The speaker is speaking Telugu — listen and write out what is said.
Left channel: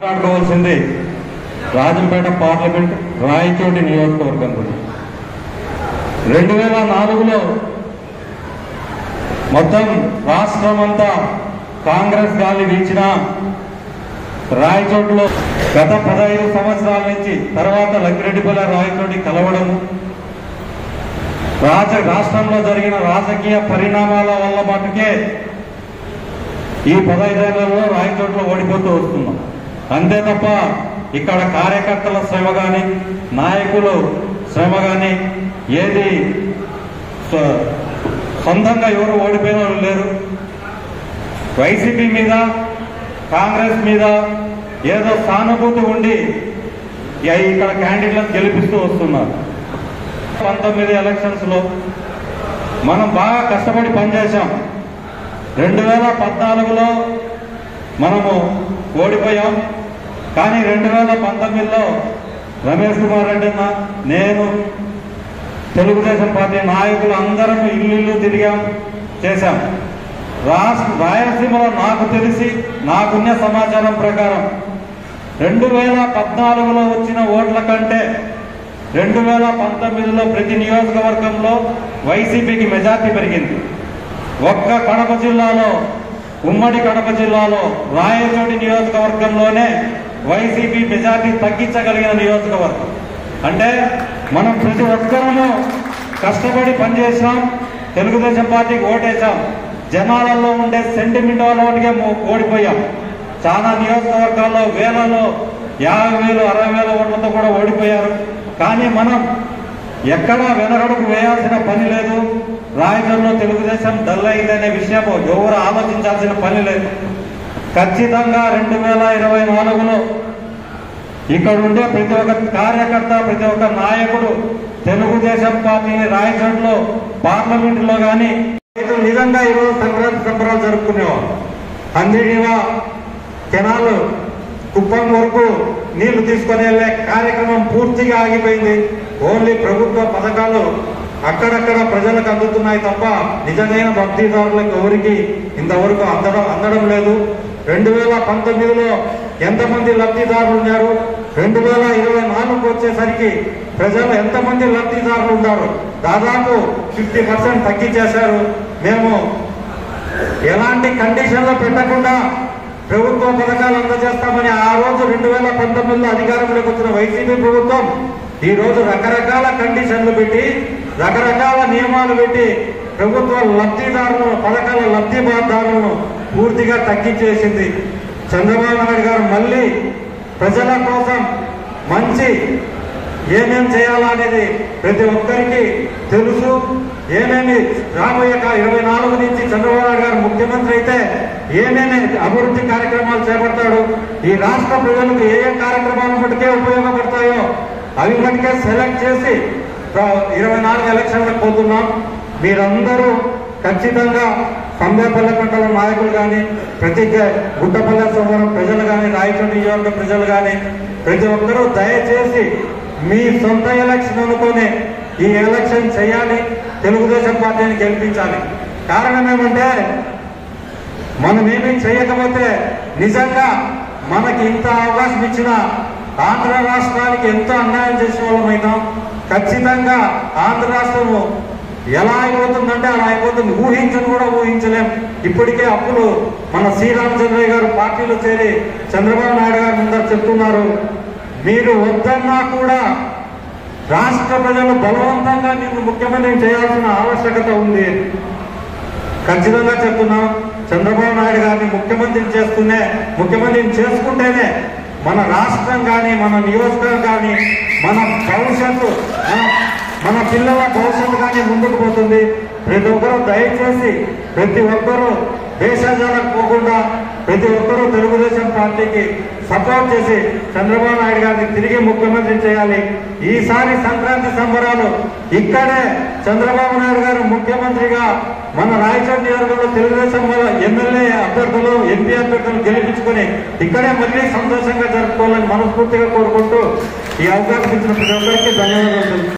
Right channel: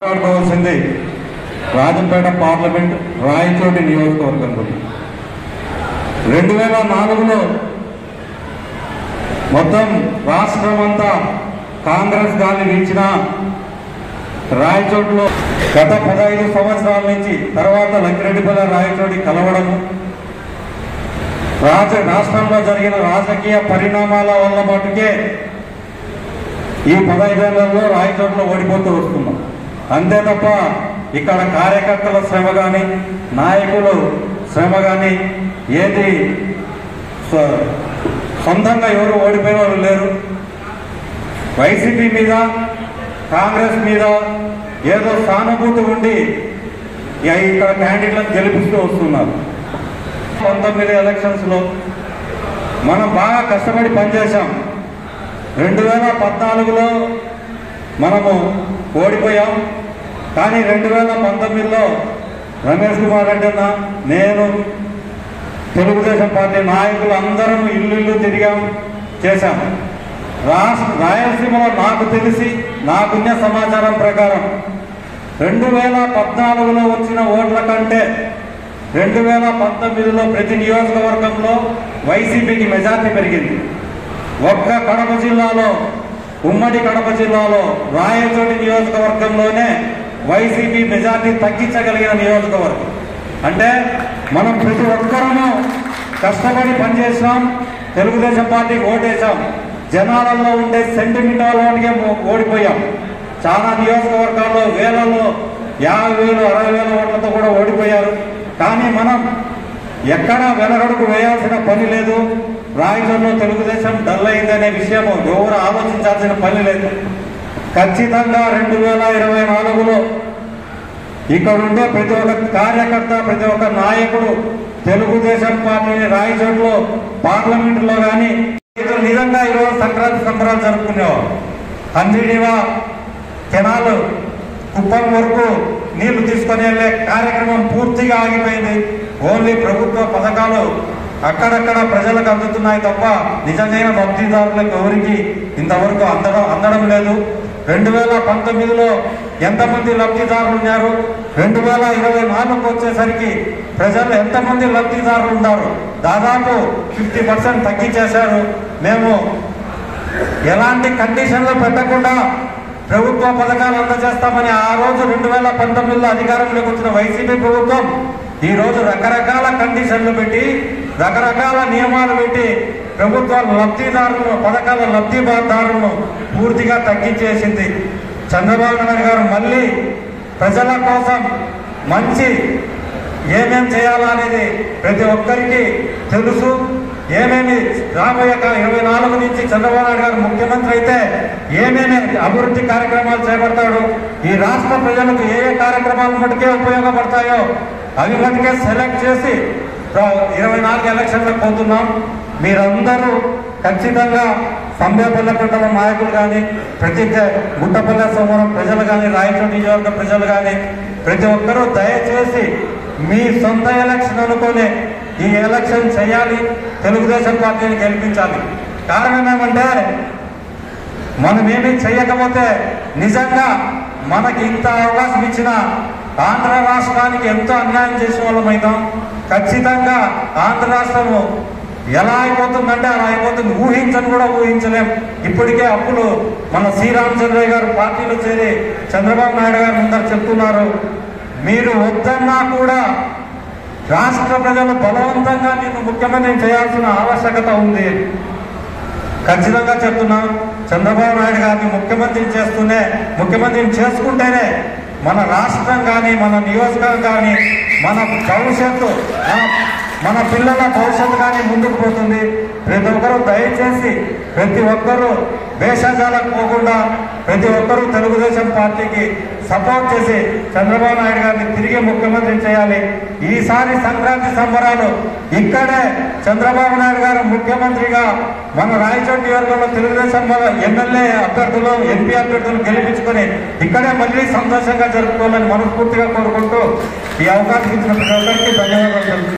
మాట్లాడుకోవాల్సింది రాజంపేట పార్లమెంట్ రాయచోటి నియోజకవర్గం గురించి 2004లో మొత్తం రాష్ట్రమంతా కాంగ్రెస్ గాలి వీచిన రాయచోటిలో గత 15 సంవత్సరాల నుంచి తర్వాత లక్కిరెడ్డిపల్లి రాయచోటి కలవడము రాష్ట్రంలో జరిగిన రాజకీయ పరిణామాల వల్ల మటుకే ఈ 15 ఏళ్లలో రాయచోటిలో ఓడిపోతూ వస్తున్నాం. అంతే తప్ప ఇక్కడ కార్యకర్తల శ్రమ గాని నాయకులు శ్రమ గాని ఏది సొంతంగా ఎవరు ఓడిపోయిన వాళ్ళు లేరు. వైసీపీ మీద కాంగ్రెస్ మీద ఏదో సానుభూతి ఉండి ఇక్కడ క్యాండిడేట్లను గెలిపిస్తూ వస్తున్నారు. 19 ఎలక్షన్స్ లో మనం బాగా కష్టపడి పనిచేశాం. 2014లో మనము ఓడిపోయాం. కానీ 2019లో రమేష్ కుమార్ రెడ్డి నేను తెలుగుదేశం పార్టీ నాయకులు అందరం ఇల్లు తిరిగాం చేశాం. రాయలసీమలో నాకు తెలిసి నాకున్న సమాచారం ప్రకారం 2014లో వచ్చిన ఓట్ల కంటే 2019లో ప్రతి నియోజకవర్గంలో వైసీపీకి మెజార్టీ పెరిగింది. ఒక్క కడప జిల్లాలో ఉమ్మడి కడప జిల్లాలో రాయచోటి నియోజకవర్గంలోనే వైసీపీ మెజార్టీ తగ్గించగలిగిన నియోజకవర్గం. అంటే మనం ప్రతి ఒక్కరూ కష్టపడి పనిచేసాం, తెలుగుదేశం పార్టీకి ఓటేశాం. జనాలలో ఉండే సెంటిమెంటల్ ఓటుకే ఓడిపోయాం. చాలా నియోజకవర్గాల్లో వేలలో 50,000 60,000 ఓట్లతో కూడా ఓడిపోయారు. కానీ మనం ఎక్కడా వెనకడుగు వేయాల్సిన పని లేదు. రాయచోటిలో తెలుగుదేశం డల్ అయిందనే విషయం ఎవరు ఆలోచించాల్సిన పని లేదు. ఖచ్చితంగా 2024లో ఇక్కడ ఉండే ప్రతి ఒక్క కార్యకర్త ప్రతి ఒక్క నాయకుడు తెలుగుదేశం పార్టీని రాయచోటిలో పార్లమెంటులో కానీ నిజంగా ఈరోజు సంక్రాంతి సంబరాలు జరుపుకునేవారు. అందరివా కెనాలు కుప్పం వరకు నీళ్లు తీసుకుని వెళ్లే కార్యక్రమం పూర్తిగా ఆగిపోయింది. ఓన్లీ ప్రభుత్వ పథకాలు అక్కడక్కడ ప్రజలకు అందుతున్నాయి తప్ప నిజమైన లబ్ధిదారులకు ఎవరికి ఇంతవరకు అందడం లేదు. 2019లో ఎంతమంది లబ్ధిదారులు ఉన్నారు, 2024కు వచ్చేసరికి ప్రజలు ఎంతమంది లబ్ధిదారులు ఉన్నారు, దాదాపు 50% తగ్గించేశారు. మేము ఎలాంటి కండిషన్లో పెట్టకుండా ప్రభుత్వ పథకాలు అందజేస్తామని ఆ రోజు 2019లో అధికారంలోకి వచ్చిన వైసీపీ ప్రభుత్వం ఈ రోజు రకరకాల కండిషన్లు పెట్టి రకరకాల నియమాలు పెట్టి ప్రభుత్వ లబ్ధిదారులను పథకాల లబ్ధిదారులను పూర్తిగా తగ్గించేసింది. చంద్రబాబు నాయుడు గారు మళ్ళీ ప్రజల కోసం మంచి ఏమేం చేయాలా అనేది ప్రతి ఒక్కరికి తెలుసు. ఏమేమి రాబోయే 24 నుంచి చంద్రబాబు నాయుడు గారు ముఖ్యమంత్రి అయితే ఏమేమి అభివృద్ధి కార్యక్రమాలు చేపడతాడు, ఈ రాష్ట్ర ప్రజలకు ఏ కార్యక్రమాలు మటుకే ఉపయోగపడతాయో అవి మటుకే సెలెక్ట్ చేసి 24 ఎలక్షన్లకు పోతున్నాం. మీరందరూ ఖచ్చితంగా సంబేపల్లె మండలం నాయకులు కానీ ప్రతి గుట్టపల్లె సోమవారం ప్రజలు కానీ రాయచోటి నియోజకవర్గ ప్రజలు కానీ ప్రతి ఒక్కరూ దయచేసి మీ సొంత ఎలక్షన్ అనుకుని ఈ ఎలక్షన్ చేయాలి, తెలుగుదేశం పార్టీని గెలిపించాలి. కారణం ఏమంటే మనమేమీ చేయకపోతే నిజంగా మనకి ఇంత అవకాశం ఇచ్చిన ఆంధ్ర రాష్ట్రానికి ఎంతో అన్యాయం చేసిన వాళ్ళమైనాం. ఖచ్చితంగా ఆంధ్ర రాష్ట్రము ఎలా అయిపోతుందంటే అలా అయిపోతుంది. ఊహించని కూడా ఊహించలేం. ఇప్పటికే అప్పులు మన శ్రీరామచంద్రయ్య గారు పార్టీలో చేరి చంద్రబాబు నాయుడు గారు ముందర చెప్తున్నారు, మీరు వద్దన్నా కూడా రాష్ట్ర ప్రజలు బలవంతంగా నిన్ను ముఖ్యమంత్రిని చేయాల్సిన ఆవశ్యకత ఉంది. ఖచ్చితంగా చెప్తున్నాం, చంద్రబాబు నాయుడు గారిని ముఖ్యమంత్రిని చేసుకుంటేనే మన రాష్ట్రం కానీ మన నియోజకవర్గం కానీ మన భవిష్యత్తు మన పిల్లల భవిష్యత్తు కానీ ముందుకు పోతుంది. ప్రతి ఒక్కరూ దయచేసి ప్రతి ఒక్కరూ భేషజాలకు పోకుండా ప్రతి ఒక్కరూ తెలుగుదేశం పార్టీకి సపోర్ట్ చేసి చంద్రబాబు నాయుడు గారిని తిరిగి ముఖ్యమంత్రి చేయాలి. ఈసారి సంక్రాంతి సంబరాలు ఇక్కడే చంద్రబాబు నాయుడు గారు ముఖ్యమంత్రిగా మన రాయచోటి నియోజకవర్గంలో తెలుగుదేశం ఎమ్మెల్యే అభ్యర్థులు ఎంపీ అభ్యర్థులు గెలిపించుకొని ఇక్కడే మళ్ళీ సంతోషంగా జరుపుకోవాలని మనస్ఫూర్తిగా కోరుకుంటూ ఈ అవకాశం ఇచ్చిన ప్రతి ఒక్కరికి ధన్యవాదాలు.